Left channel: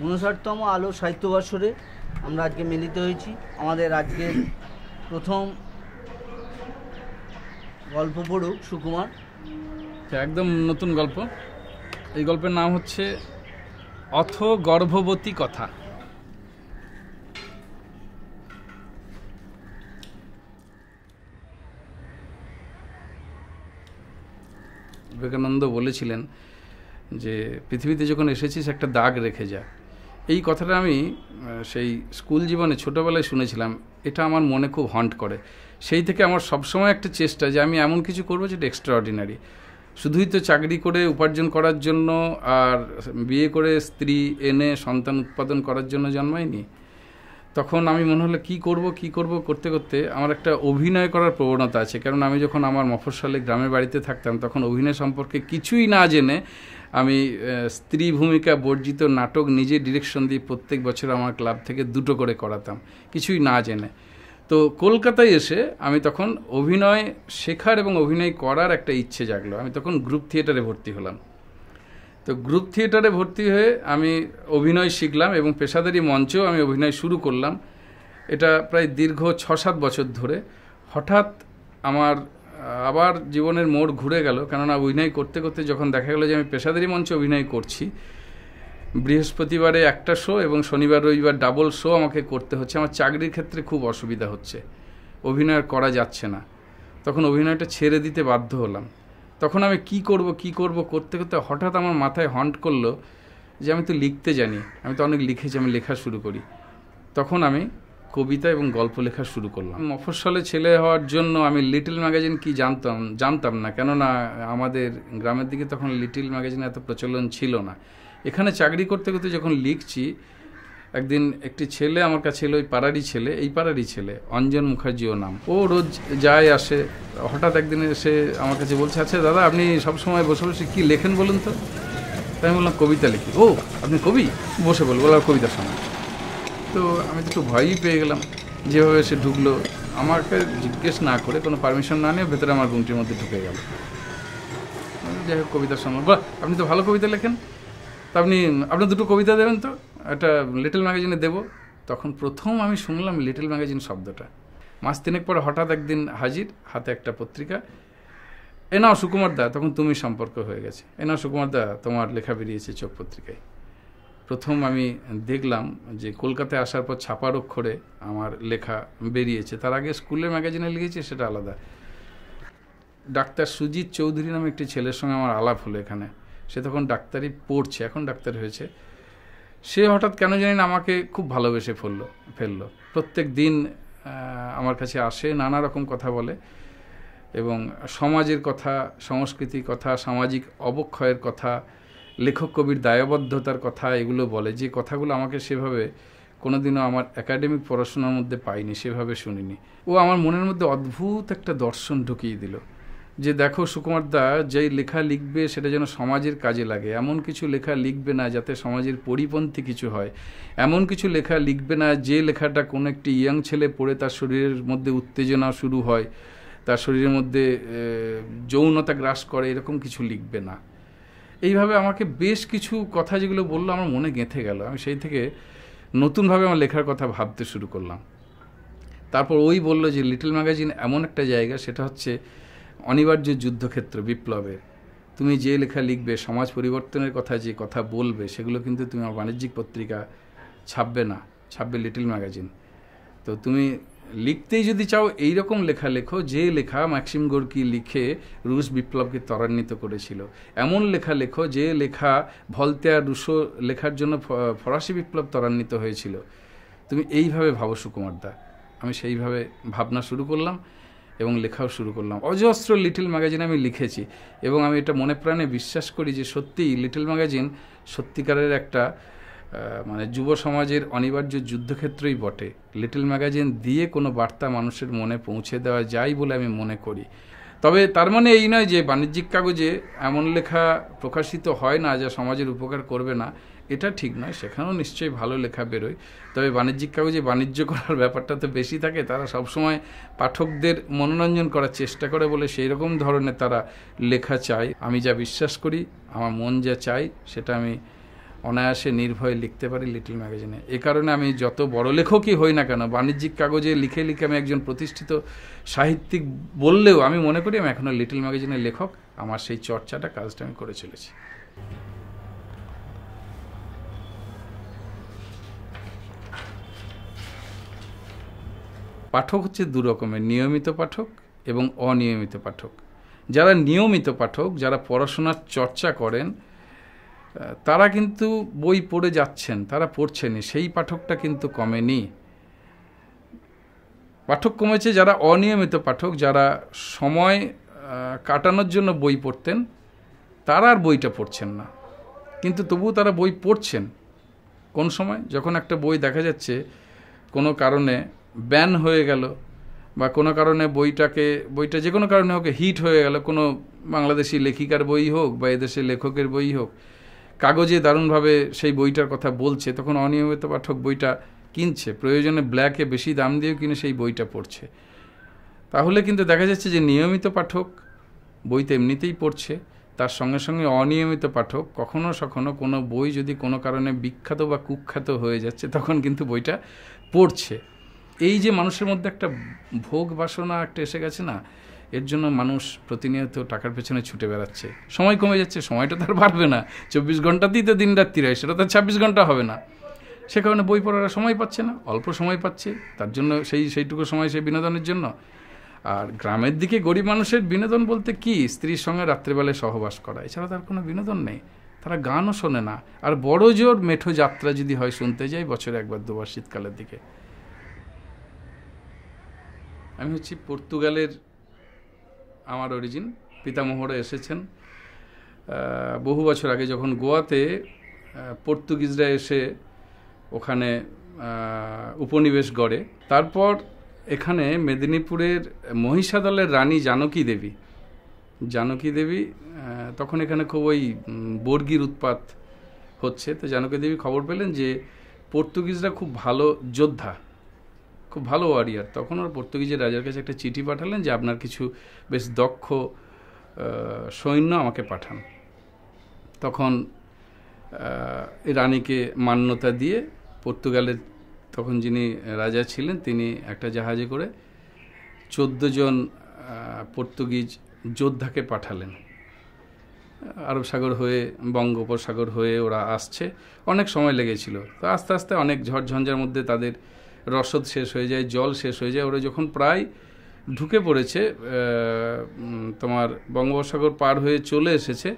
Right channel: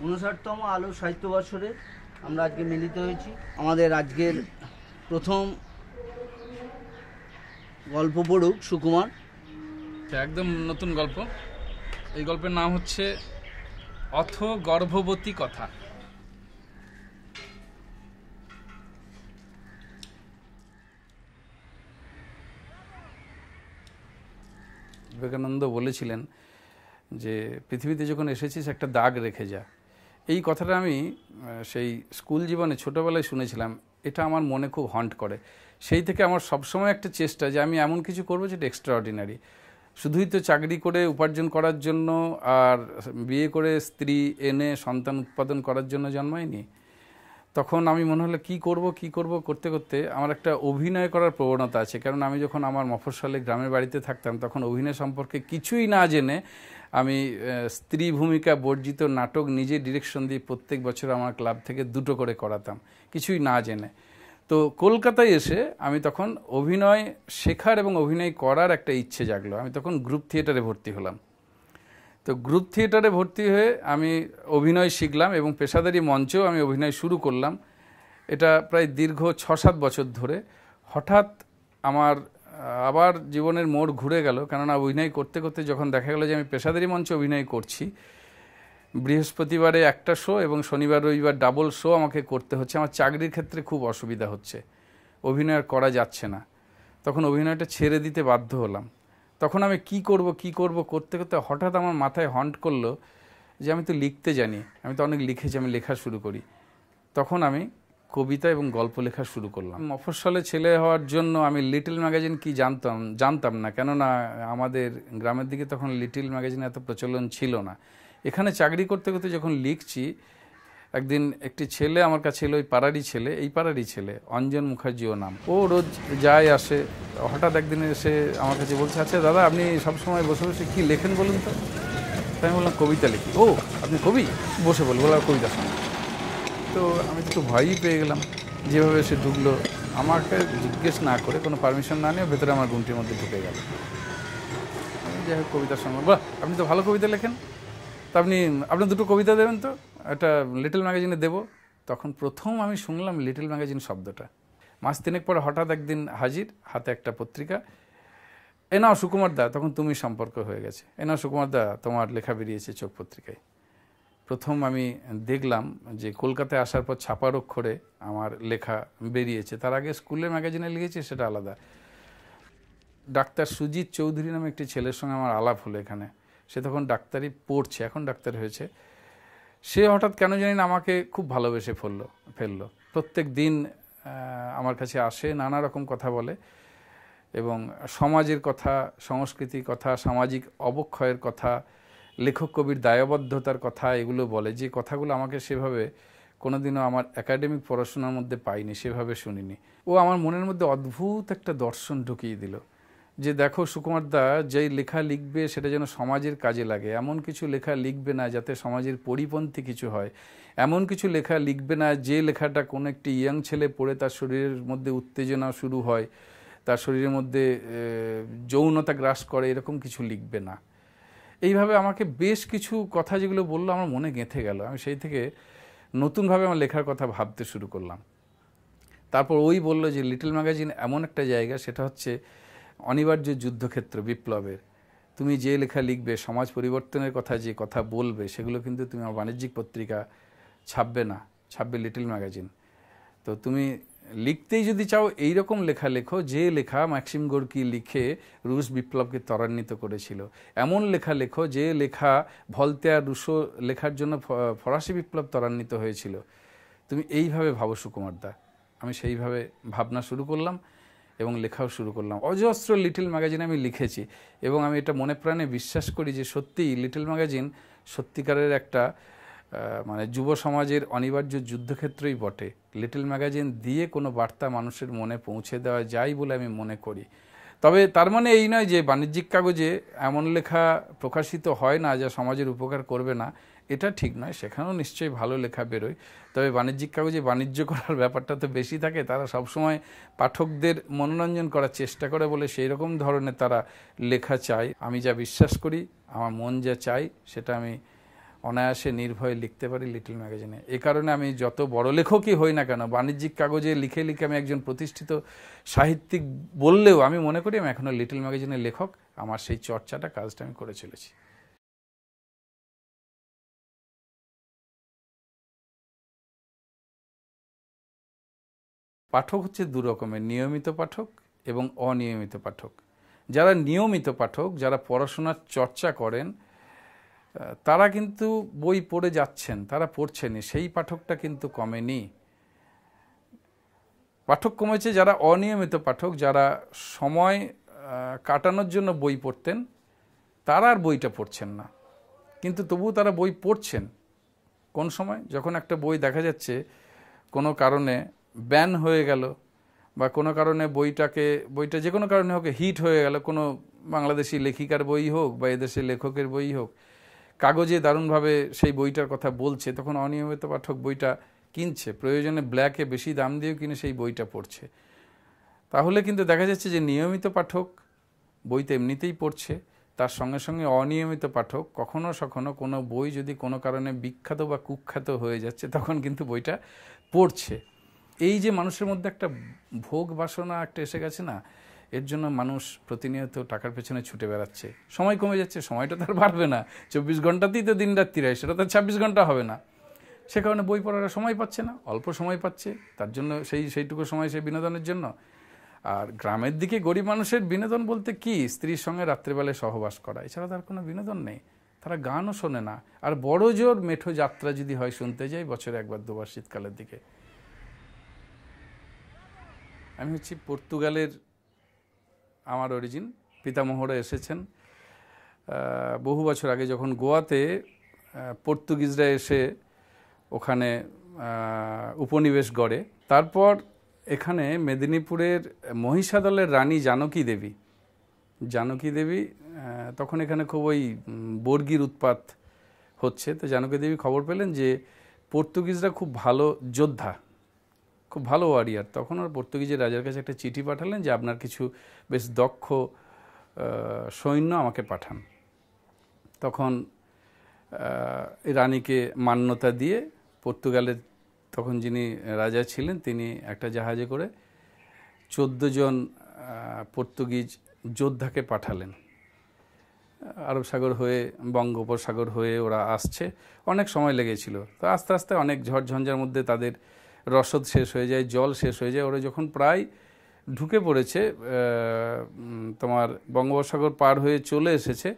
59তম আলো সাহিত্য বর্ষরে আমরা আজকে মিলিত হয়েছি। আমাদের আজকের প্রথম গল্প পড়ুক সুকুমার। একদম নতুন গল্প। এই গল্পের নাম হচ্ছে অথ গর্ভবতী কথা। বিবেকানন্দ বলেছিলেন যে পৃথিবীতে যখন এসেছিস একটা দাগ রেখে যা। এই কথাটা আমি সেই স্কুল জীবনে ছোটোবেলায় শুনেছিলাম। এটা আমার মনে খুব হন্ট করে। সেই থেকে আমার সবসময় একটা চেষ্টা যে আমি এমন কিছু করবো যেটা এক্সট্রাঅর্ডিনারি। শুধুই তো চাকরি করে উপার্জন করার জন্য আর বিয়ে করে স্ত্রী এনে সন্তান উৎপাদন করার জন্য জন্মায়নি। তখন আমি মনে হলো কী করব করতে করতে আমার একটা অভিনয় করার প্রবণতা আছে। কারণ আমি যখন আমার মফস্বলে গ্রামের বাড়িতে থাকতাম তখন অভিনয় সম্পর্কে কিছুই না জেনে আমি স্ত্রী ভূমিকা বর্জিত নাটক নিজে ডিরেকশন দিয়ে প্রত্যেক বছর আমার ক্লাব থেকে 2টো করে করাতাম, কিছুই না জেনে। তো কলকাতায় এসে আমি তখন অভিনয় শেখার এবং অভিনয় করার একটা ইচ্ছে জাগলো। আমি তখন গ্রুপ থিয়েটারে ভর্তি হলাম। তো গ্রুপ থিয়েটারে ভর্তি হয়ে আমি অভিনয় শিখলাম এবং পেশাদারি মঞ্চেও আমি অভিনয় শুরু করলাম। এটা প্রায় দীর্ঘ 6-7 বছর ধরে। হঠাৎ আমার আবার জীবনের মোড় ঘুরে গেল, কেননা অভিনয় করতে করতে যখন দেখা গেল যে আমি পেশাদারি মঞ্চে অভিনয় করছি, বৃহস্পতিবারে একটা শো এবং শনিবার রবিবার ডাবল শো আমাকে করতে হচ্ছে। আমার চাকরির ক্ষেত্রে খুব অসুবিধা হচ্ছে, অভিনয় আর করা যাচ্ছে না। তখন অভিনয়টা ছেড়ে দিতে বাধ্য হলাম। তখন আমি কি করব করতে করতে হঠাৎ আমার মাথায় হন্ট করলো যে আমি তো লিখতে জানি, আমি তো অনেক লিখেছি, আমি লেখা শুরু করি। তখন আমি কবিতা এবং গল্প লেখা শুরু করলাম। মফস্বলে ছেলে হওয়ার জন্য আমি লিটল ম্যাগাজিন কি জানতাম না, কেননা আমাদের গ্রামের দিকে তখন লিটল ম্যাগাজিন এত প্রচলন ছিল না। এখানে চাকরি করতে করতে যখন লিখছি, একদিন একটি ছেলে আমার কাছে এলো, এই পাড়ারই ছেলে, অঞ্জন মুখার্জিও নাম। ও রোজ যায় আসে। হঠাৎ একদিন এসে আমার কাছে বলছে, আচ্ছা দাদা আপনি সবসময় বসে বসে কী লেখেন বলুন তো? তাই আমি বললাম কবিতা লিখি। ও আপনি কবি? বসে বললাম কবিতা শোনা। তো আমি একটু ভয়ই পেয়ে গেলাম। যেভাবে সে ঢুকলো, আমাকে জিজ্ঞেস না করে, কোনো পারমিশন না নিয়ে ভেতরে আমার রুমটির মধ্যে ঢুকে গেল। যাই হোক কবিতা শুনলাম। বাহ, আপনি তো ভালো কবিতা লেখেন, তো আপনার 2টো কবিতা দেবেন তো, একটা লিটল ম্যাগাজিনে দেবো। তখন প্রথম আমি শুনলাম লিটল ম্যাগাজিন শব্দটা। মাস 3 পরে হঠাৎ একদিন হাজির, হাতে একটা পত্রিকা। এ নাও সুকুমার দা, তখন তুমি সম্পর্ক হয়ে গেছে। এ নাও সুকুমার দা, তোমার লেখা বেরিয়েছে চোখ পত্রিকায়। প্রথম আমি দেখলাম যে কলকাতায় আসার পর ছাপার অক্ষরে আমার লেখা বেরিয়েছে। তার আগে স্কুলের ম্যাগাজিনে লিখেছে, সেটা আলাদা। ডাক্তার সুজিত চৌধুরী নামে একটি ছেলের সঙ্গে আমার আলাপ হলো এখানে। সে তখন ডাক্তারি পড়ছে, এখন ডাক্তার হয়েছে। সে হঠাৎ কেন জানি না আমাকে খুব ভালোবেসে ফেললো। প্রত্যেক দিন আমার কাছে আসে, নানা রকম কথা বলে এবং সমাজের কথা, সংস্কৃতির কথা, সামাজিক অবক্ষয়ের কথা, লেখক কবির দায়বদ্ধতার কথা এগুলো বলে। যে কথাগুলো আমাকে সেভাবে কোনোদিনও আমার একাডেমিক পড়াশোনার মধ্যে পাইনি, সেভাবে শুনিনি। ও আমার মনের মধ্যে অদ্ভুত একটা দর্শন ঢুকিয়ে দিল যে দেখো সুকুমার দা, যেই লেখা লিখবে সেটা যেন সমাজের কাজে লাগে। এমন কিছু লেখা লিখবে না যাতে সমাজের পরিপন্থী কিছু হয়। এমন কিছু লেখা লিখবে না যে লেখাটা কোনো একটি ইয়াং ছেলে পড়ে তার শরীরের মধ্যে উত্তেজনা শুরু হয়, তার শরীরের মধ্যে যৌনতা গ্রাস করে, এরকম কিছু লিখবে না। এইভাবে আমাকে বেশ কিছু কথা যেগুলো বললো আমার মনে গেঁথে গেল। আমি সেই থেকে নতুনভাবে আমার লেখার কথা ভাবতে শুরু করলাম। তারপর ওই বললো যে লিটল ম্যাগাজিন এমন একটা জায়গা, সেটা হচ্ছে অনিবার্য যুদ্ধক্ষেত্র বিপ্লবের। তুমি যে লেখা লিখবে, সমাজ পরিবর্তনের কথা যে কথা বলবে, সেগুলো কিন্তু তুমি বাণিজ্যিক পত্রিকা ছাপবে না, ছাপবে লিটল ম্যাগাজিন। তো তুমি লিখতেই যদি চাও এইরকম লেখা লেখো যে লেখা ম্যাক্সিম গোর্কি লিখে রুশ বিপ্লবকে ত্বরান্বিত করেছিল। এমন লেখা লেখো যে লেখা ভলতেয়ার রুশো লেখার জন্য ফরাসি বিপ্লব ত্বরান্বিত হয়েছিল। তুমি এইভাবে ভাবো সুকুমার দা। আমি সেইভাবে ভাবনা শুরু করলাম এবং লেখাও শুরু করলাম। অজস্র লিটল ম্যাগাজিন আমি লিখেছি এবং আমি এটা মনে প্রাণে বিশ্বাস করি যে সত্যিই লিটল ম্যাগাজিন সত্যিকারের একটা মানে যুব সমাজের অনিবার্য যুদ্ধক্ষেত্রই বটে। লিটল ম্যাগাজিন দিয়ে কোনো বার্তা মানুষের মনে পৌঁছে দেওয়া যায় বলে আমি মনে করি। তবে তার মানে এই নয় যে বাণিজ্যিক কাগজে এমন লেখা প্রকাশিত হয় না যা সমাজের উপকার করবে না, এটা ঠিক নয়। সেখানেও নিশ্চয়ই ভালো লেখা বেরোয়। তবে বাণিজ্যিক কাগজে বাণিজ্য করার ব্যাপারটা তো বেশি থাকে। তারা সবসময় পাঠকদের মনোরঞ্জন করার চেষ্টা করে বলে সেই রকম ধরনের তারা লেখা চায়। আমি যা বিশ্বাস করি, আমার মন যা চাই, সেটা আমি অনায়াসে নির্ভয়ে লিখতে পারি লিটল ম্যাগাজিনে। এ কারণে আমি যত বড় লেখকই হই না কেন, বাণিজ্যিক কাগজে লিখে লিখে আমি একজন প্রতিষ্ঠিত সাহিত্যিক বললেও আমি মনে করি আমি এখনও লিটল ম্যাগাজিনের লেখক। আমার সেই চর্চাটা, কাজটা আমি করে চলেছি। পাঠক হচ্ছে দু রকমের, নিয়মিত পাঠক এবং অনিয়মিত পাঠক। যারা নিয়মিত পাঠক, যারা পড়াশোনার চর্চা করেন, তারা কিন্তু বই পড়ে যাচ্ছেন, তারা পড়ছেনই, সেই পাঠকটা কিন্তু কমেনি। পাঠক কমেছে যারা অনিয়মিত পাঠক, যারা সময় কাটানোর জন্য বই পড়তেন, তারা আর বইটা পড়ছেন না, কিন্তু তবুও তারা বই পড়ছেন। কোন সময়? যখন একটা বই দেখা যাচ্ছে কোনো কারণে ব্যান হয়ে গেল, বা কোনো কারণে বইটা যে কোনো কারণে হোক হিট হয়ে গেল, কোনো বাংলাদেশি লেখিকার বই হোক বা এদেশের লেখকের বই হোক, কাগজে দারুণভাবে সেই বইটার কথা বলছে, তখন অনিয়মিত পাঠক বইটা কিনছে, প্রয়োজনে ব্ল্যাকে বেশি দাম দিয়েও কিনে সেই বইটা পড়ছে। তাহলে কিন্তু দেখা যাচ্ছে যে নিয়মিত পাঠক বই তো এমনিতেই পড়ছে, তার সঙ্গে সঙ্গে অনিয়মিত পাঠক কখনো সখনো কোনো বই যদি কোনো কারণে বিখ্যাত বা কুখ্যাত হয়ে যাচ্ছে, তখন কিন্তু বইটা পড়ছে। এই যে মানুষের মধ্যে একটা ভোগ বাসনা একটা এসে গেছে না, এর জন্য মানুষ প্রতিনিয়ত টাকার পেছনে ছুটে বেড়াচ্ছে। সময় কমে যাচ্ছে, সময়টা তার বাড়বে না, 24 ঘন্টাতেই তো দিন রাত্রি হয়, সেটা তো 26 ঘন্টা হবে না। সে কারণে বই পড়ার সময় পাচ্ছে না, অল্প সময় পাচ্ছে, তার জন্য সেইটুকু সময় সে বিনোদনের জন্য। আর গ্রামের দিকে গরিব মানুষের বিনোদন বলতে কি? স্ত্রীর সঙ্গে রাত্রিবেলায় সহবাস করা, এছাড়া তার কোনো বিনোদন নেই। তারা গানও শোনে না, আর বড় জোর মেঠো যাত্রা যদি হয় শুনতে যাই বছরে একবার দুবার শীতকালের দিকে। আমি হচ্ছি পর্তুগালের, আমার অরিজিন, পিতামহরা এসেছেন বহু বছর আগে, যখন গোয়াতে পর্তুগিজরা এসে ওখানে উপনিবেশ গড়ে। তারপর এখানে মেদিনীপুরের মহিষাদলের রানী জানকী দেবী তখন এখানে খুব ওই বর্গির উৎপাত হচ্ছে। তো জানকী দেবী খবর পেলেন যে পর্তুগিজরা খুব ভালো যোদ্ধা, খুব ভালো ওয়ারিয়ার। তখন ওর পর্তুগিজের রাজার কাছে একটা চিঠি পাঠালেন যে আপনার কিছু বেশ দক্ষ সৈন্য আমাকে পাঠান। তখন এই রানীকে মান্যতা দিয়ে পর্তুগালের তখন যিনি রাজা ছিলেন, তিনি একটা জাহাজে করে 14 জন পর্তুগিজ যোদ্ধাকে পাঠালেন। আরব সাগর হয়ে, বঙ্গোপসাগর হয়ে ওরা আসছে, অনেক সময় লেগেছিল। তো আস্তে আস্তে অনেক ঝড়ঝঞ্ঝার মধ্যে তাদের রসদ শেষ হয়ে যায়, জল শেষ হয়ে যায়। ওরা যখন প্রায় ঢুকে পড়েছে, তোমার বঙ্গোপসাগর পার হয়ে চলে এসেছে,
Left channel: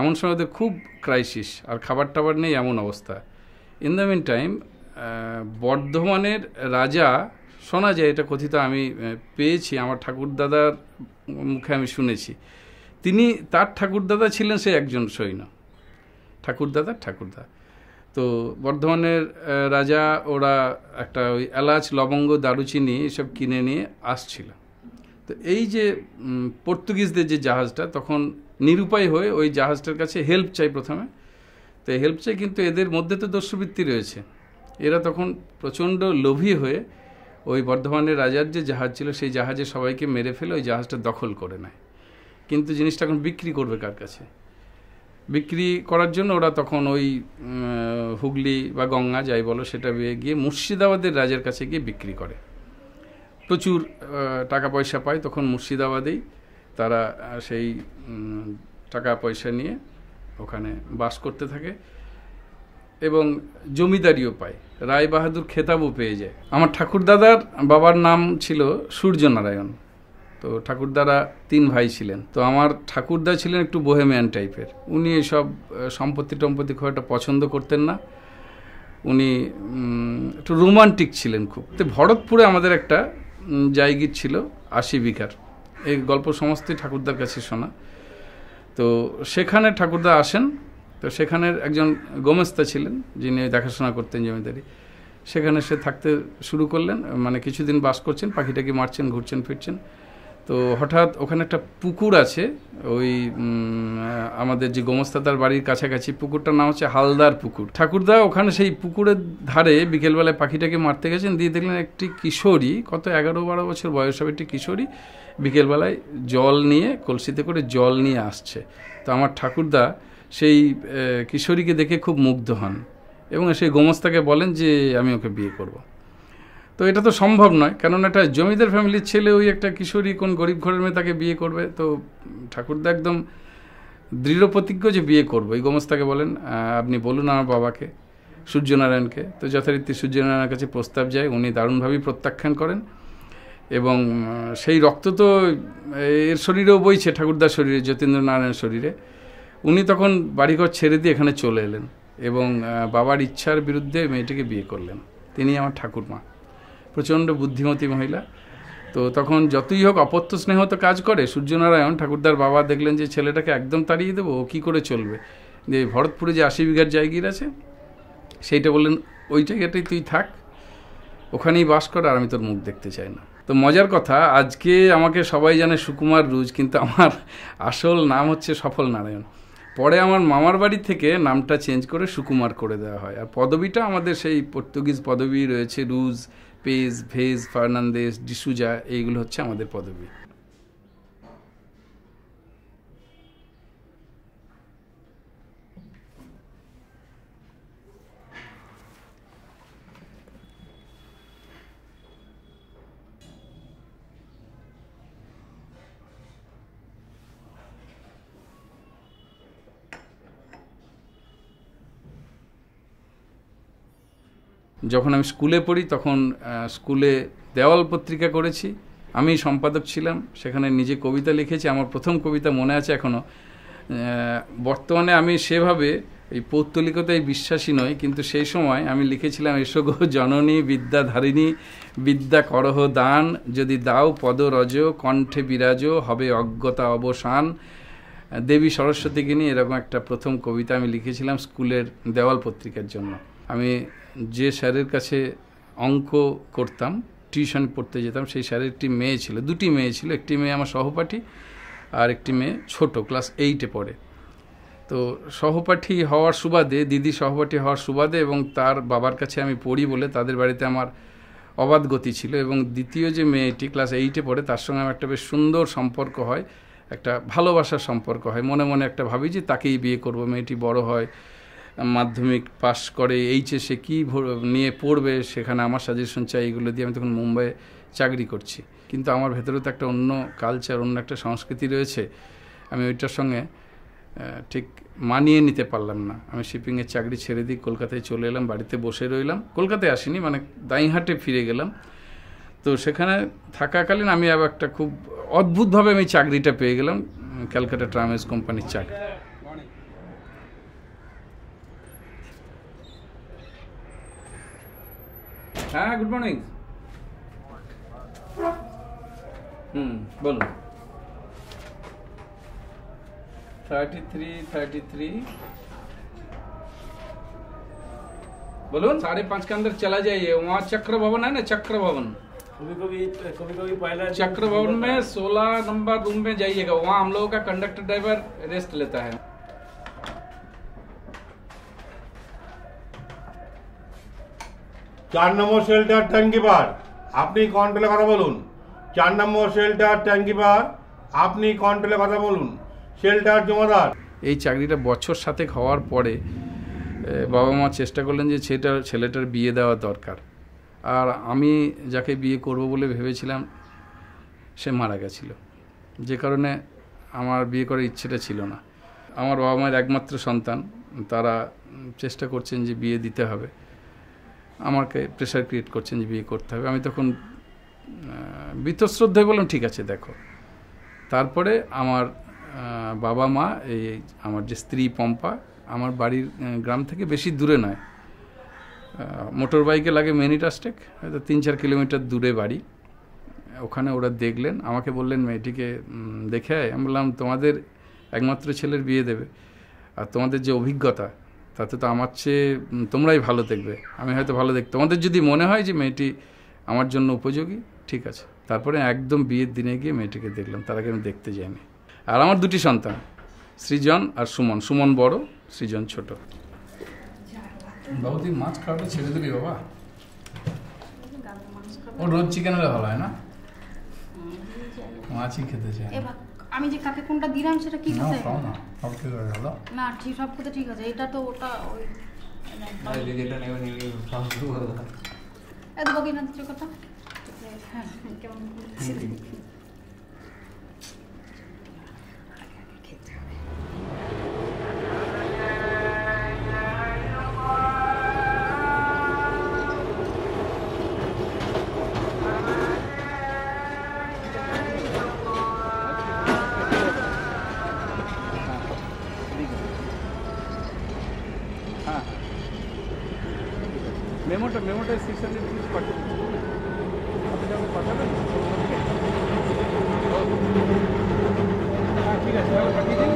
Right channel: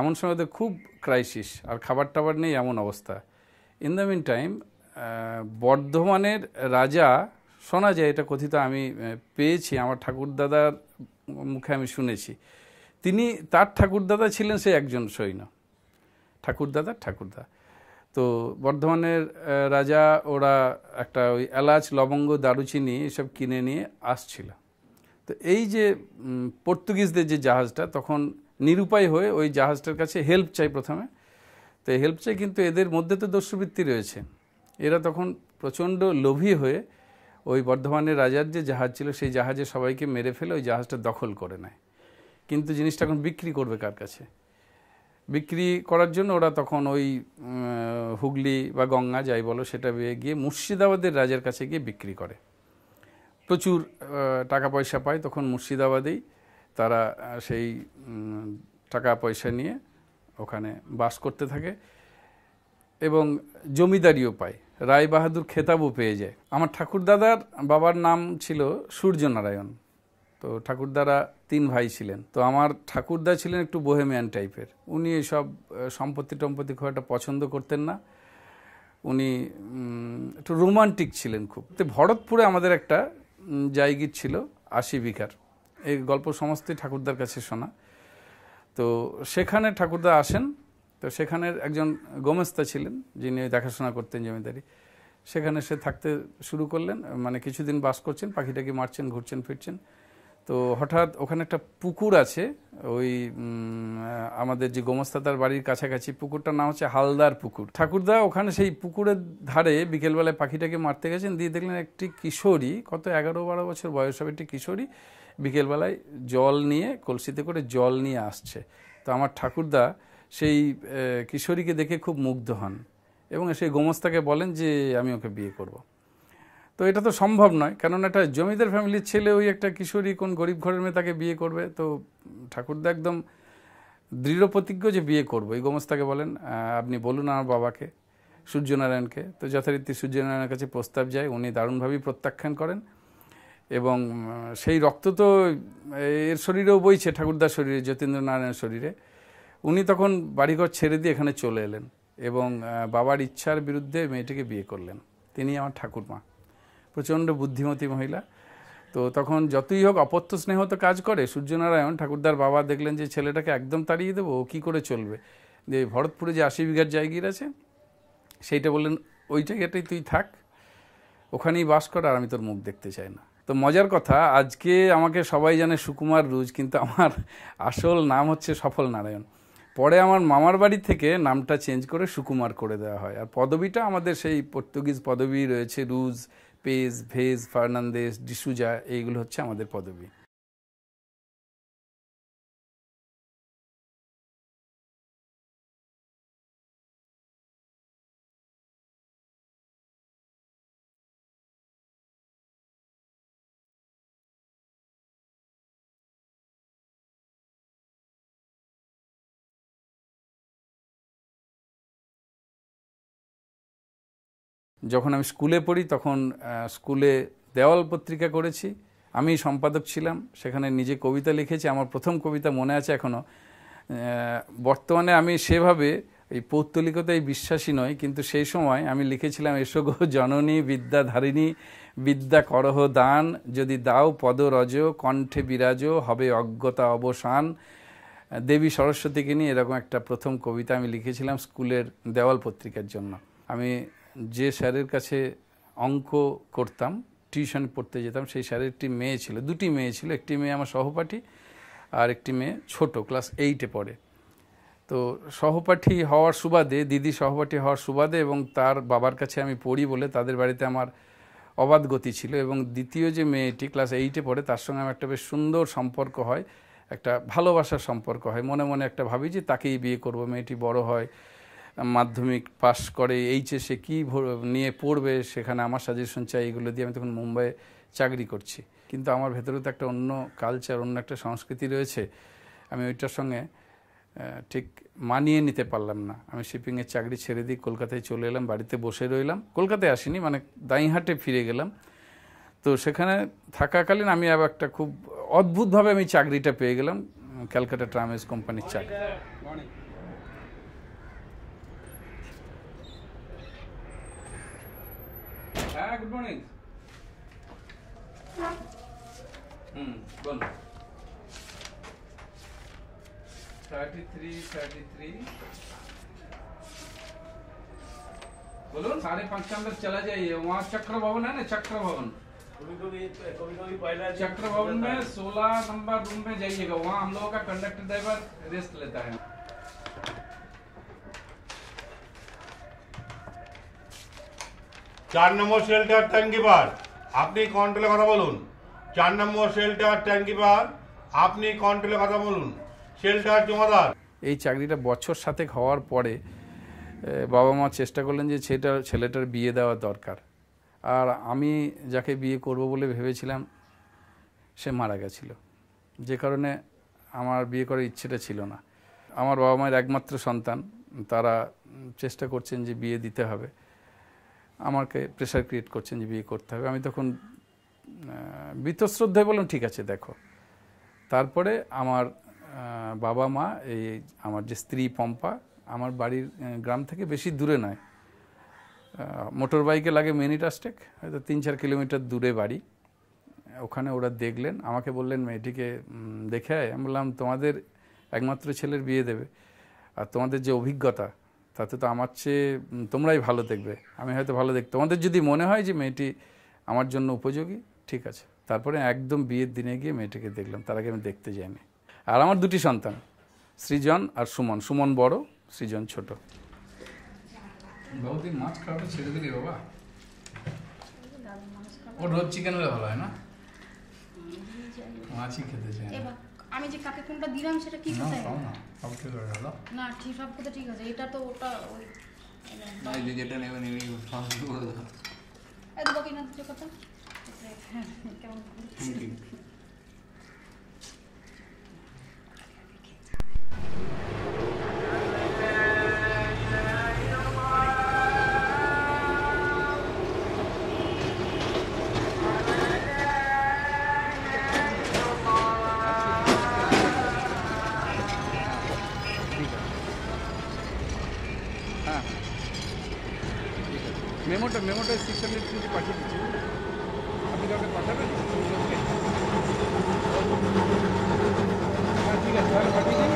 এমন সময় তো খুব ক্রাইসিস, আর খাবার টাবার নেই, এমন অবস্থা। ইন দ্য মিন টাইম বর্ধমানের রাজা, শোনা যায়, এটা কথিত, আমি পেয়েছি, আমার ঠাকুরদাদার মুখে আমি শুনেছি, তার ঠাকুরদাদা ছিলেন সে একজন সৈন্য, ঠাকুরদা। তো বর্ধমানের রাজা, ওরা একটা ওই এলাচ, লবঙ্গ, দারুচিনি এসব কিনে নিয়ে আসছিল। তো এই যে পর্তুগিজদের যে জাহাজটা, তখন নিরুপায় হয়ে ওই জাহাজটার কাছে হেল্প চাই প্রথমে। তো এই হেল্প চাই, কিন্তু এদের মধ্যে তো দস্যুবৃত্তি রয়েছে। এরা তখন প্রচণ্ড লোভী হয়ে ওই বর্ধমানের রাজার যে জাহাজ ছিল, সেই জাহাজে সবাইকে মেরে ফেলে ওই জাহাজটা দখল করে নেয়। কিন্তু জিনিসটা এখন বিক্রি করবে কার কাছে? বিক্রি করার জন্য ওরা তখন ওই হুগলি বা গঙ্গা যাই বলো, সেটা গিয়ে মুর্শিদাবাদের রাজার কাছে গিয়ে বিক্রি করে। প্রচুর টাকা পয়সা পায় তখন মুর্শিদাবাদেই তারা, সেই টাকা পয়সা নিয়ে ওখানে বাস করতে থাকে এবং জমিদারিও পায়, রায় বাহাদুর খেতাবও পেয়ে যায়। আমার ঠাকুরদাদার বাবার নাম ছিল সূর্যনারায়ণ। তো ঠাকুরদারা 3 ভাই ছিলেন। তো আমার ঠাকুরদা ছিলেন একটু বোহেমিয়ান টাইপের। উনি এসব সম্পত্তি টম্পত্তি খুব একটা পছন্দ করতেন না, উনি একটু রোমান্টিক ছিলেন খুব। তো ভরতপুরে আমাদের একটা জায়গির ছিল 80 বিঘার। এই গল্প সমস্তই ঠাকুরদার কাছে শোনা। তো সেখানে ঠাকুরদা আসেন। তো সেখানের একজন গোমেস্তা ছিলেন যিনি দেখাশোনা করতেন জমিদারি, সেখানে সে থাকতে শুরু করলেন, মানে কিছুদিন বাস করছেন, পাখিটাকি মারছেন, ঘুরছেন ফিরছেন। তো হঠাৎ ওখানে একটা পুকুর আছে, ওই আমাদের যে গোমস্তাদার বাড়ির কাছাকাছি, পুকুরটার নাম হচ্ছে হালদার পুকুর। ঠাকুরদা ওখানে সেই পুকুরের ধারে বিকেলবেলায় পাখিটাকে মারতে গেছেন, দিয়ে দেখলেন একটি কিশোরী, কত 11-12 বছর বয়স হবে, একটি কিশোরী বিকেলবেলায় জল নিয়ে, কলসিতে করে জল নিয়ে আসছে। তো আমার ঠাকুরদা সেই কিশোরীকে দেখে খুব মুগ্ধ হন এবং সেই গোমস্তাকে বলেন যে আমি ওকে বিয়ে করব। তো এটা তো সম্ভব নয়, কেননা এটা জমিদার ফ্যামিলির ছেলে, ওই একটা কিশোরী কোন গরিব ঘরের মেয়ে তাকে বিয়ে করবে। তো ঠাকুরদা একদম দৃঢ় প্রতিজ্ঞ যে বিয়ে করবো। এই গোমস্তাকে বলেন আপনি বলুন আমার বাবাকে, সূর্যনারায়ণকে। তো যথারীতি সূর্যনারায়ণের কাছে প্রস্তাব যায়, উনি দারুণভাবেই প্রত্যাখ্যান করেন এবং সেই রক্ত তো এর শরীরেও বইছে, ঠাকুরদার শরীরে, যতীন্দ্রনারায়ণের শরীরে। উনি তখন বাড়িঘর ছেড়ে দিয়ে এখানে চলে এলেন এবং বাবার ইচ্ছার বিরুদ্ধে মেয়েটিকে বিয়ে করলেন। তিনি আমার ঠাকুরমা, প্রচণ্ড বুদ্ধিমতী মহিলা। তো তখন যতই হোক অপত্য স্নেহ তো কাজ করে। সূর্যনারায়ণ ঠাকুরদার বাবা দেখলেন যে ছেলেটাকে একদম তাড়িয়ে দেবো, ও কী করে চলবে। যে ভরতপুরে যে 80 বিঘার জায়গির আছে, সেইটা বললেন ওই জায়গাটাই তুই থাক, ওখানেই বাস কর, আর আমি তোর মুখ দেখতে চাই না। তো মজার কথা, আজকে আমাকে সবাই জানে সুকুমার রুজ, কিন্তু আমার আসল নাম হচ্ছে সফল নারায়ণ। পরে আমার মামার বাড়ি থেকে নামটা চেঞ্জ করে সুকুমার করে দেওয়া হয়। আর পদবিটা আমাদের সেই পর্তুগিজ পদবি রয়েছে, রুজ, পেজ, ভেজ, ফার্নান্দেজ, ডিসুজা, এইগুলো হচ্ছে আমাদের পদবি। যখন আমি স্কুলে পড়ি তখন স্কুলে দেওয়াল পত্রিকা করেছি, আমি সম্পাদক ছিলাম, সেখানে নিজে কবিতা লিখেছি। আমার প্রথম কবিতা মনে আছে এখনও। বর্তমানে আমি সেভাবে এই পৌত্তলিকতায় বিশ্বাসী নই, কিন্তু সেই সময় আমি লিখেছিলাম, এসো গো জননী বিদ্যাধারিণী, বিদ্যা করহ দান, যদি দাও পদরজ, কণ্ঠে বিরাজ, হবে অজ্ঞতা অবসান, দেবী সরস্বতীকে নিয়ে এরকম একটা প্রথম কবিতা আমি লিখেছিলাম স্কুলের দেওয়াল পত্রিকার জন্য। আমি যে স্যারের কাছে অঙ্ক করতাম, টিউশন পড়তে যেতাম, সেই স্যারের একটি মেয়ে ছিল, দুটি মেয়ে ছিল। একটি মেয়ে আমার সহপাঠী, আর একটি মেয়ে ছোট, ক্লাস 8-এ পড়ে। তো সহপাঠী হওয়ার সুবাদে, দিদি সহপাঠী হওয়ার সুবাদে এবং তার বাবার কাছে আমি পড়ি বলে তাদের বাড়িতে আমার অবাধ গতি ছিল। এবং দ্বিতীয় যে মেয়েটি ক্লাস 8-এ পড়ে, তার সঙ্গে আমার একটা বেশ সুন্দর সম্পর্ক হয়, একটা ভালোবাসার সম্পর্ক হয়। মনে মনে একটা ভাবি যে তাকেই বিয়ে করব। মেয়েটি বড় হয়, মাধ্যমিক পাস করে, এইচএসে কী নিয়ে পড়বে, সেখানে আমার সাজেশন চাই, এগুলো দিয়ে আমি তখন মুম্বাইয়ে চাকরি করছি। কিন্তু আমার ভেতরে তো একটা অন্য কালচার, অন্য একটা সংস্কৃতি রয়েছে, আমি ওইটার সঙ্গে ঠিক মানিয়ে নিতে পারলাম না। আমি শিপিংয়ের চাকরি ছেড়ে দিয়ে কলকাতায় চলে এলাম, বাড়িতে বসে রইলাম। কলকাতায় আসিনি, মানে দাঁইহাটে ফিরে গেলাম। তো সেখানে থাকাকালীন আমি আবার একটা খুব অদ্ভুতভাবে আমি চাকরিটা পেয়ে গেলাম, ক্যালকাটা ট্রামেজ কোম্পানির চাকরি। হ্যাঁ, গুড মর্নিং। বলুন। 33 बोलून 5:30 के अंदर चला जाइए। वहाँ चक्र भवन है ना, चक्र भवन, कभी पहला चक्र भवन में 16 नंबर रूम में जाइएगा। वहाँ हम लोगों का कंडक्टर ड्राइवर रेस्ट लेता है। 4 নম্বর শেল্টার ট্যাঙ্কিপার, আপনি কন্ট্রোলে কথা বলুন। 4 নম্বর শেল্টার ট্যাঙ্কিপার, আপনি কন্ট্রোলে কথা বলুন। শেল্টার জমাদার। এই চাকরিটা বছর 7 হওয়ার পরে বাবা মা চেষ্টা করলেন যে ছেলেটার বিয়ে দেওয়া দরকার। আর আমি যাকে বিয়ে করব বলে ভেবেছিলাম সে মারা গেছিল, যে কারণে আমার বিয়ে করার ইচ্ছেটা ছিল না। আমার বাবা মায়ের একমাত্র সন্তান, তারা চেষ্টা করছেন যে বিয়ে দিতে হবে, আমাকে প্রেশার ক্রিয়েট করছেন যে বিয়ে করতে হবে। আমি তখন বীতশ্রদ্ধ বললাম ঠিক আছে দেখো। তারপরে আমার বাবা মা, এই আমার যে স্ত্রী পম্পা, আমার বাড়ির গ্রাম থেকে বেশি দূরে নয়, মোটর বাইকে লাগে মিনিটাস্টেক, হয়তো 3-4 কিলোমিটার দূরে বাড়ি। ওখানে ওরা দেখলেন, আমাকে বললেন মেয়েটিকে দেখে আয়। আমি বললাম তোমাদের একমাত্র ছেলের বিয়ে দেবে, আর তোমাদের যে অভিজ্ঞতা তাতে তো আমার চেয়ে তোমরাই ভালো দেখবে, আমি হয়তো ভালো দেখতে, তোমাদের যদি মনে হয় যে মেয়েটি আমার জন্য উপযোগী, ঠিক আছে। তারপরে একদম বিয়ের দিনে গিয়ে মেয়েটিকে দেখলাম, তার আগে আমি দেখতে যাইনি। আর আমার 2টি সন্তান, সৃজন আর সুমন। সুমন বড়, সৃজন ছোট। বাবু তুই মাছ খাওয়াটা ছেড়ে দিবি বাবা? ও রোজ চিকেন হলে ভালো হয় না, মাছই খেতে চায়। আমি যে কাকে কোনটা দিলাম সেটা কি না আছে? খাও না, সব ঠিক হয়ে গেল। না ঠিক সব কথা ঠিক আছে, এটা তো ওটা ওই যেটা নেবে নিবি, সব শুরু করে দাও। এত বকি না দিচ্ছ কথা। হ্যাঁ কেমন বলছি। মেমোটা 650 পাঠিয়ে দিচ্ছি। আপনি কাউকে পাঠাবেন? ঠিক আছে, তাহলে পাঠিয়ে দিন।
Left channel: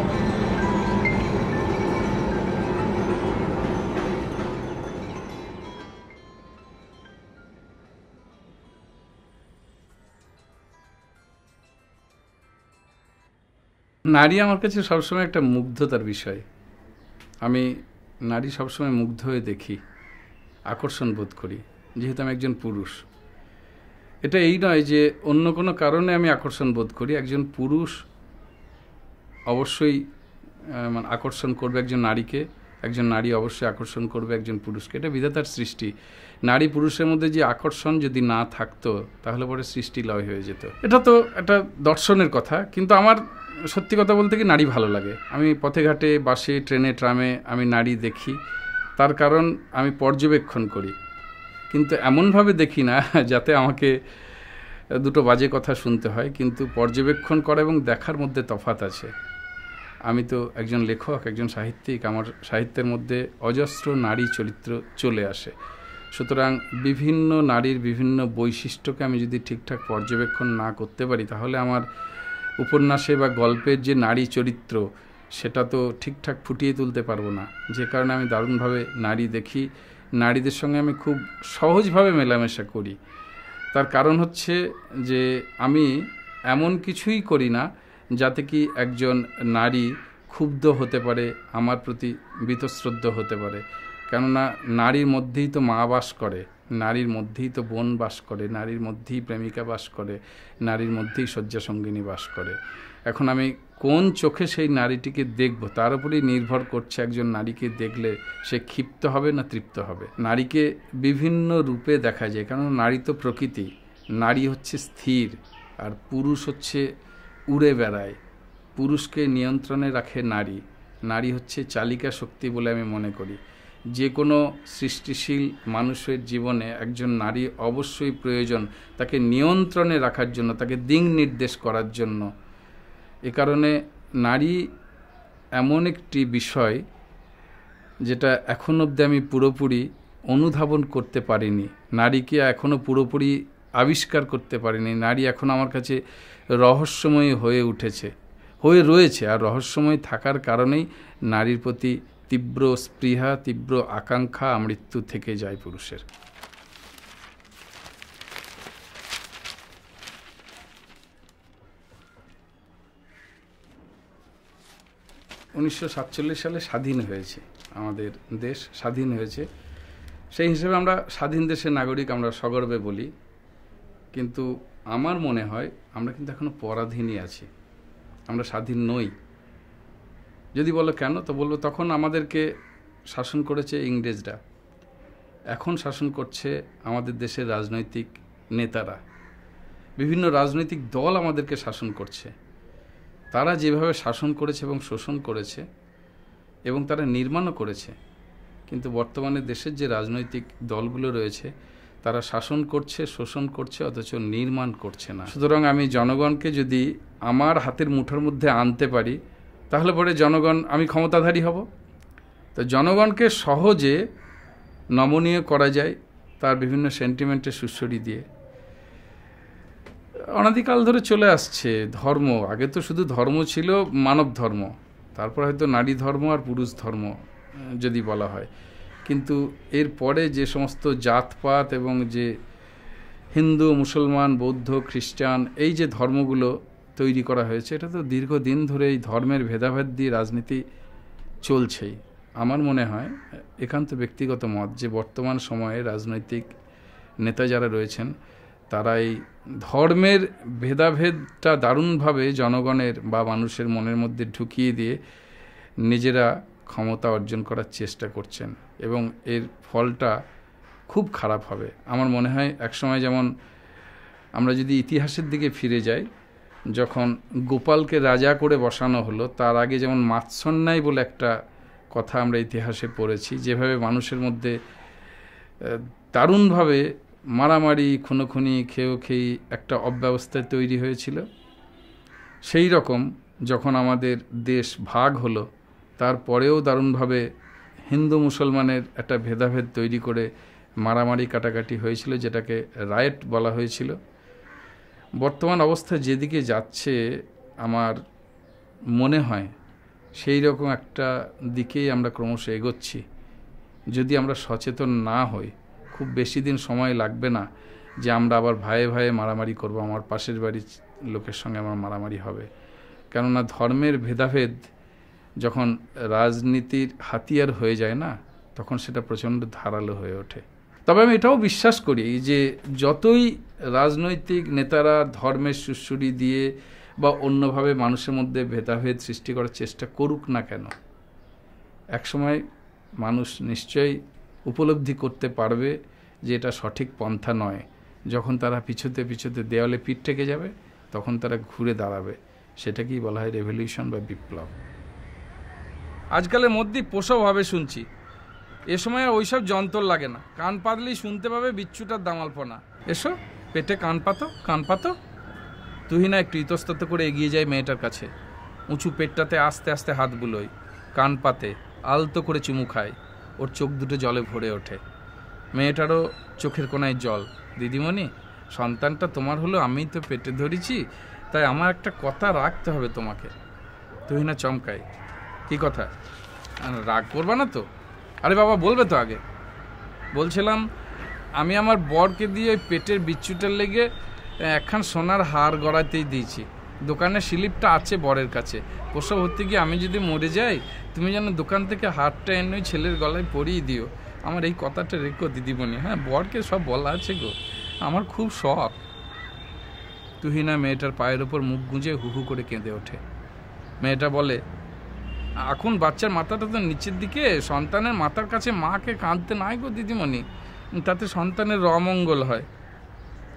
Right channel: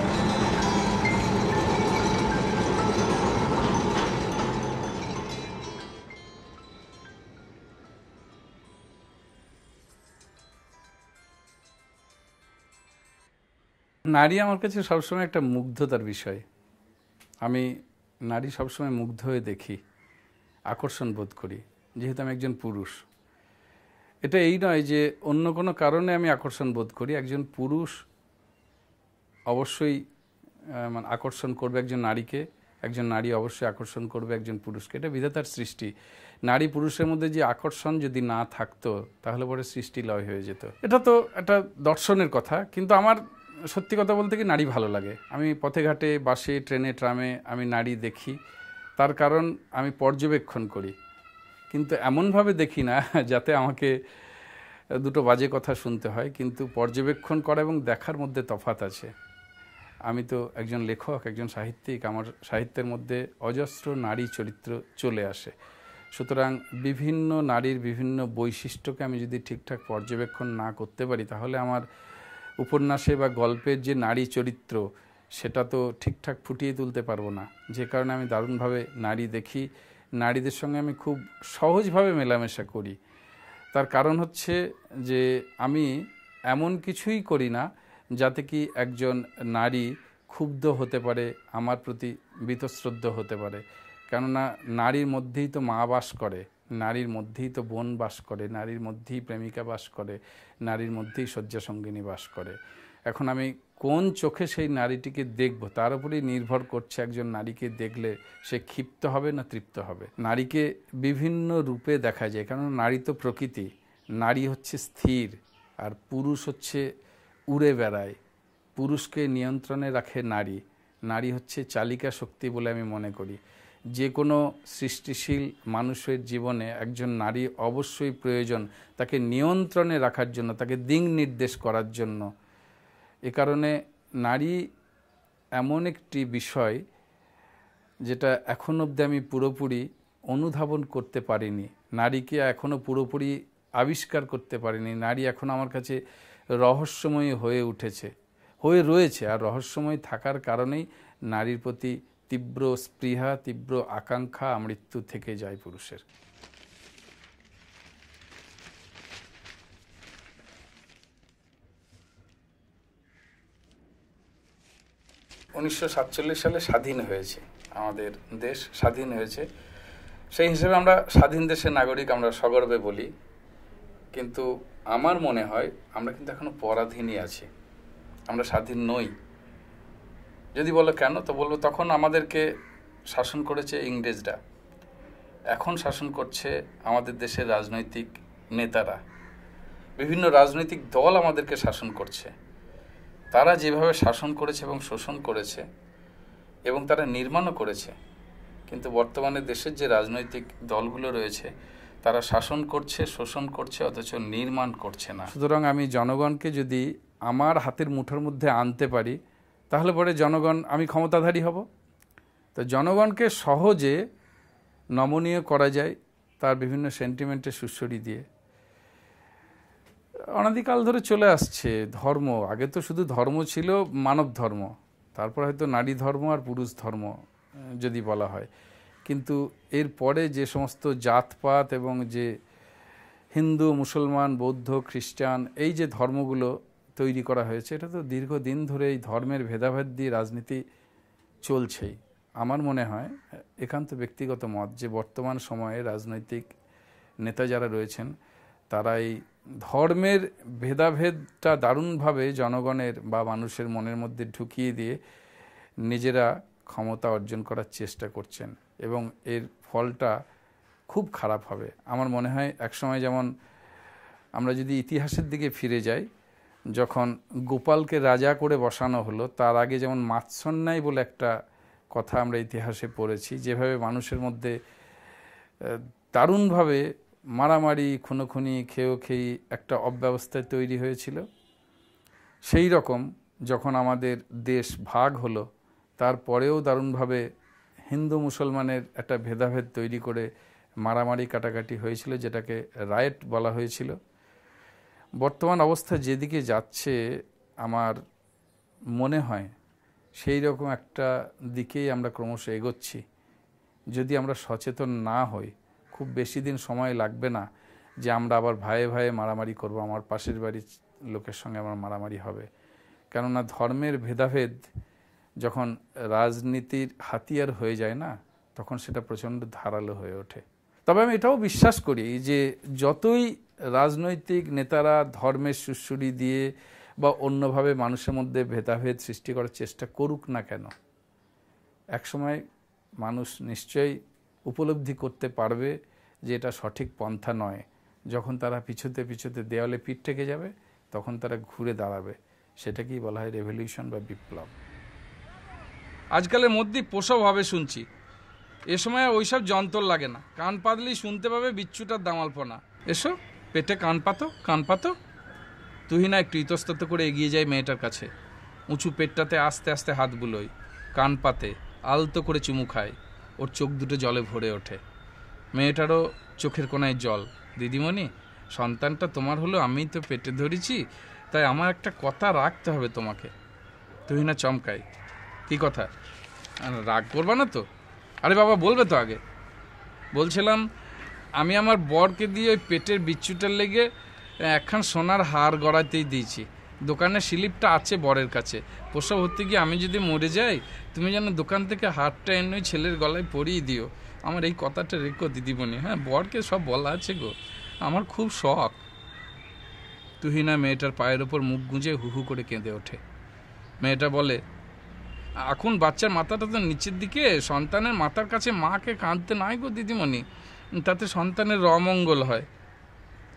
নারী আমার কাছে সবসময় একটা মুগ্ধতার বিষয়। আমি নারী সবসময় মুগ্ধ হয়ে দেখি, আকর্ষণ বোধ করি, যেহেতু আমি একজন পুরুষ। এটা এই নয় যে অন্য কোনো কারণে আমি আকর্ষণ বোধ করি। একজন পুরুষ অবশ্যই মানে আকর্ষণ করবে একজন নারীকে, একজন নারী অবশ্যই আকর্ষণ করবে একজন পুরুষকে। এটা বিধাতার সৃষ্টি। নারী পুরুষের মধ্যে যে আকর্ষণ যদি না থাকতো তাহলে পরে সৃষ্টি লয় হয়ে যেত। এটা তো একটা দর্শনের কথা, কিন্তু আমার সত্যি কথা বলতে কি নারী ভালো লাগে। আমি পথে ঘাটে, বাসে, ট্রেনে, ট্রামে আমি নারী দেখি। তার কারণ আমি পর্যবেক্ষণ করি, কিন্তু এমনভাবে দেখি না যাতে আমাকে দুটো বাজে কথা শুনতে হয়। কিন্তু পর্যবেক্ষণ করা এবং দেখার মধ্যে তফাৎ আছে। আমি তো একজন লেখক, একজন সাহিত্যিক। আমার সাহিত্যের মধ্যে অজস্র নারী চরিত্র চলে আসে। সুতরাং বিভিন্ন নারীর বিভিন্ন বৈশিষ্ট্যকে আমি যদি ঠিকঠাক পর্যবেক্ষণ না করতে পারি তাহলে আমার উপন্যাসে বা গল্পের যে নারী চরিত্র সেটা তো ঠিকঠাক ফুটিয়ে তুলতে পারবো না। যে কারণে আমি দারুণভাবে নারী দেখি, নারীদের সঙ্গে আমি খুব সহজভাবে মেলামেশা করি। তার কারণ হচ্ছে যে আমি এমন কিছুই করি না যাতে কি একজন নারী ক্ষুব্ধ হতে পারে, আমার প্রতি বীতশ্রদ্ধ হতে পারে। কেননা নারীর মধ্যেই তো মা বাস করে, নারীর মধ্যেই তো বোন বাস করে, নারীর মধ্যেই প্রেমিকা বাস করে, নারীর মধ্যেই শয্যাসঙ্গিনী বাস করে। এখন আমি কোন চোখে সেই নারীটিকে দেখব তার উপরেই নির্ভর করছে একজন নারীকে দেখলে সে ক্ষিপ্ত হবে না তৃপ্ত হবে। নারীকে বিভিন্ন রূপে দেখা যায়, কারণ নারী তো প্রকৃতি। নারী হচ্ছে স্থির আর পুরুষ হচ্ছে উড়ে বেড়ায়। পুরুষকে নিয়ন্ত্রণে রাখে নারী। নারী হচ্ছে চালিকা শক্তি বলে আমি মনে করি। যে কোনো সৃষ্টিশীল মানুষের জীবনে একজন নারী অবশ্যই প্রয়োজন, তাকে নিয়ন্ত্রণে রাখার জন্য, তাকে দিক নির্দেশ করার জন্য। এ কারণে নারী এমন একটি বিষয় যেটা এখন অবধি আমি পুরোপুরি অনুধাবন করতে পারিনি, নারীকে এখনও পুরোপুরি আবিষ্কার করতে পারিনি। নারী এখন আমার কাছে রহস্যময়ী হয়ে উঠেছে, হয়ে রয়েছে। আর রহস্যময় থাকার কারণেই নারীর প্রতি তীব্র স্পৃহা, তীব্র আকাঙ্ক্ষা মৃত্যু থেকে যায় পুরুষের। উনিশশো 47 সালে স্বাধীন হয়েছে আমাদের দেশ, স্বাধীন হয়েছে। সেই হিসেবে আমরা স্বাধীন দেশের নাগরিক, আমরা সগর্বে বলি। কিন্তু আমার মনে হয় আমরা কিন্তু এখনো পরাধীনই আছি, আমরা স্বাধীন নই। যদি বলো কেন, তো বলবো তখন আমাদেরকে শাসন করেছে ইংরেজরা, এখন শাসন করছে আমাদের দেশের রাজনৈতিক নেতারা। বিভিন্ন রাজনৈতিক দল আমাদেরকে শাসন করছে। তারা যেভাবে শাসন করেছে এবং শোষণ করেছে এবং তারা নির্মাণও করেছে, কিন্তু বর্তমানে দেশের যে রাজনৈতিক দলগুলো রয়েছে তারা শাসন করছে, শোষণ করছে, অথচ নির্মাণ করছে না। সুতরাং আমি জনগণকে যদি আমার হাতের মুঠোর মধ্যে আনতে পারি তাহলে পরে জনগণ, আমি ক্ষমতাধারী হব। তো জনগণকে সহজে নমনীয় করা যায় তার বিভিন্ন সেন্টিমেন্টের সুশ্রী দিয়ে। অনাদিকাল ধরে চলে আসছে ধর্ম। আগে তো শুধু ধর্ম ছিল মানব ধর্ম, তারপর হয়তো নারী ধর্ম আর পুরুষ ধর্ম যদি বলা হয়। কিন্তু এর পরে যে সমস্ত জাতপাত এবং যে হিন্দু, মুসলমান, বৌদ্ধ, খ্রিস্টান, এই যে ধর্মগুলো তৈরি করা হয়েছে, এটা তো দীর্ঘদিন ধরে এই ধর্মের ভেদাভেদ দিয়ে রাজনীতি চলছেই। আমার মনে হয়, একান্ত ব্যক্তিগত মত, যে বর্তমান সময়ে রাজনৈতিক নেতা যারা রয়েছেন তারা এই ধর্মের ভেদাভেদটা দারুণভাবে জনগণের বা মানুষের মনের মধ্যে ঢুকিয়ে দিয়ে নিজেরা ক্ষমতা অর্জন করার চেষ্টা করছেন এবং এর ফলটা খুব খারাপ হবে। আমার মনে হয় একসময় যেমন আমরা যদি ইতিহাসের দিকে ফিরে যাই, যখন গোপালকে রাজা করে বসানো হলো তার আগে যেমন মাৎসন্যায় বলে একটা কথা আমরা ইতিহাসে পড়েছি, যেভাবে মানুষের মধ্যে দারুণভাবে মারামারি খুনোখুনি খেয়েই একটা অব্যবস্থা তৈরি হয়েছিল। সেই রকম যখন আমাদের দেশ ভাগ হলো তারপরেও দারুণভাবে হিন্দু মুসলমানের একটা ভেদাভেদ তৈরি করে মারামারি কাটাকাটি হয়েছিল, যেটাকে রায়েট বলা হয়েছিল। বর্তমান অবস্থা যেদিকে যাচ্ছে আমার মনে হয় সেই রকম একটা দিকেই আমরা ক্রমশ এগোচ্ছি। যদি আমরা সচেতন না হই, খুব বেশি দিন সময় লাগবে না যে আমরা আবার ভাইয়ে ভাইয়ে মারামারি করব, আমার পাশের বাড়ির লোকের সঙ্গে আমার মারামারি হবে। কেননা ধর্মের ভেদাভেদ যখন রাজনীতির হাতিয়ার হয়ে যায় না, তখন সেটা প্রচণ্ড ধারালো হয়ে ওঠে। তবে আমি এটাও বিশ্বাস করি যে যতই রাজনৈতিক নেতারা ধর্মের সুড়সুড়ি দিয়ে বা অন্যভাবে মানুষের মধ্যে ভেদাভেদ সৃষ্টি করার চেষ্টা করুক না কেন, একসময় মানুষ নিশ্চয়ই উপলব্ধি করতে পারবে যে এটা সঠিক পন্থা নয়। যখন তারা পিছুতে দেওয়ালে পিঠ থেকে যাবে, তখন তারা ঘুরে দাঁড়াবে। সেটাকেই বলা হয় রেভলিউশন বা বিপ্লব। আজকালের মধ্যেই পোষাওভাবে শুনছি, এ সময় ওইসব যন্ত্র লাগে না, কান পাতলেই শুনতে পাবে বিচ্ছুটার দামালপনা। এসো পেটে কান পাতো। তুহিনা একটু ইতস্তত করে এগিয়ে যায় মেয়েটার কাছে, উঁচু পেটটাতে আস্তে আস্তে হাত বুলোয়, কান পাতে, আলতো করে চুমু খায়। ওর চোখ দুটো জলে ভরে ওঠে। মেয়েটারও চোখের কোনায় জল। দিদিমণি, সন্তানটা তোমার হলো, আমি তো পেটে ধরেছি, তাই আমার একটা কথা রাখতে হবে তোমাকে। তুহিনা চমকায়, কি কথা? রাগ করবা না তো? আরে বাবা, বলবে তো আগে। বলছিলাম, আমি আমার বরকে দিয়ে পেটের বিচ্ছুটার লেগে একখান সোনার হার গড়াতেই দিয়েছি। দোকানের স্লিপটা আছে বরের কাছে। প্রসব হতে গিয়ে আমি যদি মরে যাই, তুমি যেন দোকান থেকে হারটা এনে ছেলের গলায় পরিয়ে দিও। আমার এই কথাটা রেখো দিদিমণি। হ্যাঁ, বরকে সব বলা আছে গো, আমার খুব শখ। তুহিনা মেয়েটার পায়ের ওপর মুখ গুঁজে হু হু করে কেঁদে ওঠে। মেয়েটা বলে, এখন বাচ্চার মাথাটা তো নিচের দিকে, সন্তানের মাথার কাছে মাকে কাঁদতে নাই গো দিদিমণি, তাতে সন্তানের অমঙ্গল হয়।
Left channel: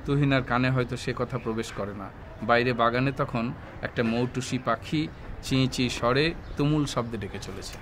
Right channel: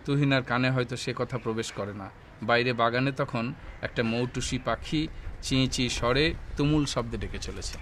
তুহিনার কানে হয়তো সে কথা প্রবেশ করে না। বাইরে বাগানে তখন একটা মৌটুসি পাখি চেঁচিয়ে স্বরে তুমুল শব্দে ডেকে চলেছে।